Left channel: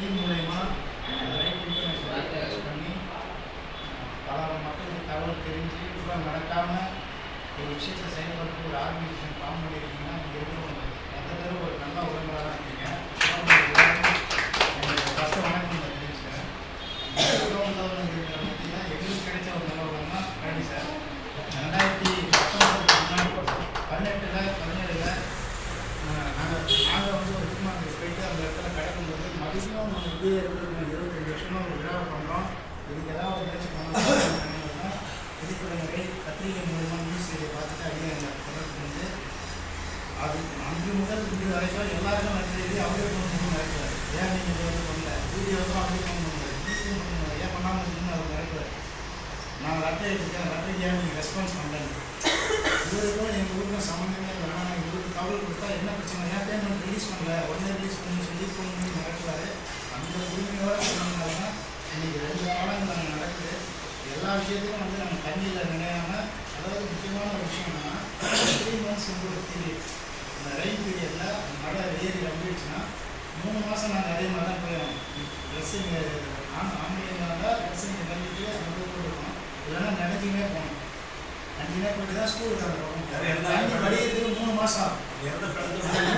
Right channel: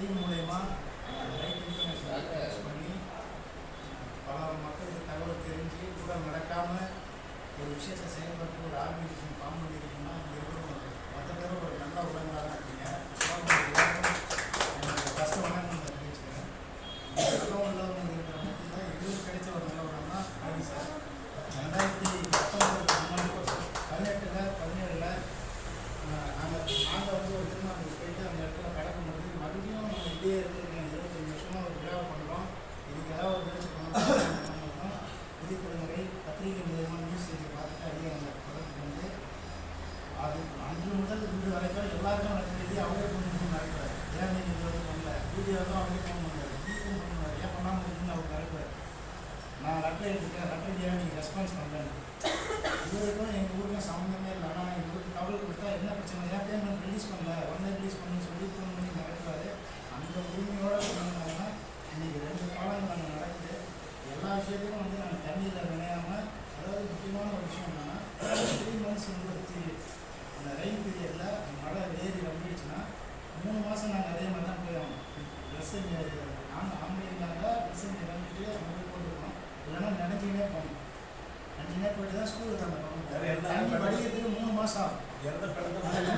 Team மூலயமா right information use பண்ணி பல மக்களுக்கு தகவல் தெரிஞ்சு கூட மறக்காமல் ஒரு விஷயத்தை செயல்படுத்த ஒரு ஆர்கனைசேஷன் ஃபார்ம் பண்ணியிருக்கீங்கன்னா இங்கே இருக்கிறவங்க மொத்த பேரும் ஒரு நல்ல உறவுகளாக தான் இருக்கீங்க ஃபஸ்ட்டு வணக்கம் நான் தெரிவிச்சுக்கிறேன். உறவுகள் இருக்கிற பற்றினா எங்களுக்கு கிடைச்ச ஒரு நல்ல உறவு தான் பழனி சார். ரெண்டாயிரத்தி பத்தொம்பதுக்கு முன்னாடி பதினெட்டில் பதினேழில் நாங்கள் நாங்கள் வந்து ஒரு திருமணத்துக்கு போயிட்டு அந்த மறுபடியும் நம்ம இருபத்தஞ்சு வருஷமாக ஒரு விழா பண்ணுறோம் இதுக்கு ஏதாவது ஒரு முயற்சி பண்ணணும் விதிப்படைகளை பத்திரிகை மூலமாக நியூஸ் செய்தியை பார்த்துட்டு அதிகம் தொடர்பு வந்து அது அன்று முதல் இன்று வரைக்கும் எல்லாருக்கும் நடந்தது எழுதி அவரே கொண்டு நடக்கிறார் ஏன் நீங்கள் இது வந்து பண்ணல? வீடியோ தான் அவரே கொண்டு வந்தார் வீடியோ பண்ணுவார் ஏன் பண்ணாமல் இருக்குன்னு அவர் நடக்கிறார் நான் லெட்டர் எடுத்துக்கேன் லெட்டருக்கு ஏன் நீங்கள் ரெஸ்பான்ஸ் பண்ணலன்னு. இவருக்கும் எங்கள் ஊருக்கும் சம்மந்தமே இல்லை. ஆனால் நான் இவருக்கு தகவல் கொடுத்தா என்ன பிரச்சனை? ஏன் பேமெண்ட் ரிலீஸ் பண்ணல? உடனே ரிலீஸ் பண்ணி சொல்லி பண்ணி விஷயத்தையும் வந்து நாங்கள் தண்ணியில் நினையாமல் அதாவது முக்கியமான ஒரு விஷயம் என்னன்னா த்ரீ மந்த்ஸ் ஒரு பீரியட் அந்த ரெயின் பீரியடில் மழை ஏறி வந்துடுச்சுன்னா மூணு மாதம் நாங்கள் அதே மாதிரி தான் போயிடும் ட்ரெஸ்ஸிங் ஆண் ஆம்பளைங்க இருந்தால் ட்ரெஸ்ஸிங் நினைக்கிட்டு அங்கே போட்டுருக்கோம் இல்லைன்னா நினைச்சிக்கினே போகணும். நினைச்சிக்கினே போயிட்டு தான் ஸ்கூலுக்கு வேற தண்ணி வடிகிறதுக்கு மூணு மாதம் ஆகும்.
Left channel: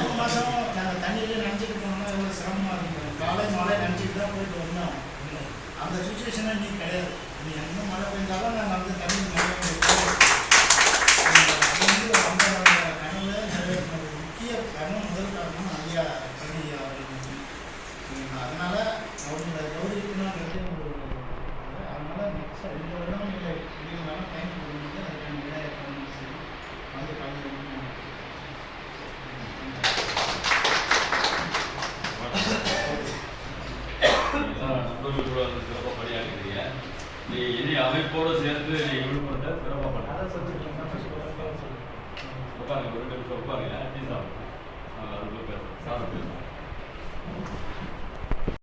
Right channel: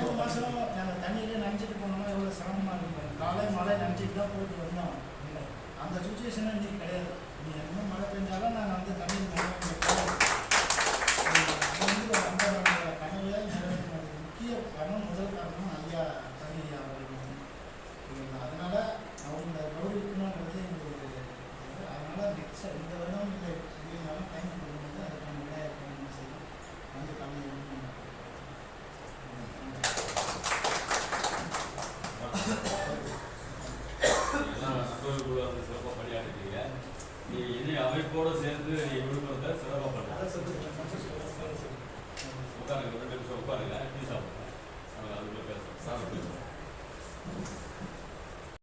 மூணு மாதம் நாங்கள் தண்ணியிலே நினச்சிட்டு போனோம்னா எவ்வளோ சிரமமாக இருக்கும். காலை மழை நினச்சிட்டு தான் போயிட்டு வந்தோம். இல்லை அந்த சுச்சுவேஷனே இன்னைக்கு கிடையாது. என்ன மழை பெஞ்சாலும் நாங்கள் வந்து தண்ணி முக்கிய காரணம் முதல் காரணம் ஐயா பழனி அவர்கள். அதனால் அதனால அமைப்போடு சேர்ந்து நீ விழுப்புரத்தை சிறப்பாக பண்ணுறீங்க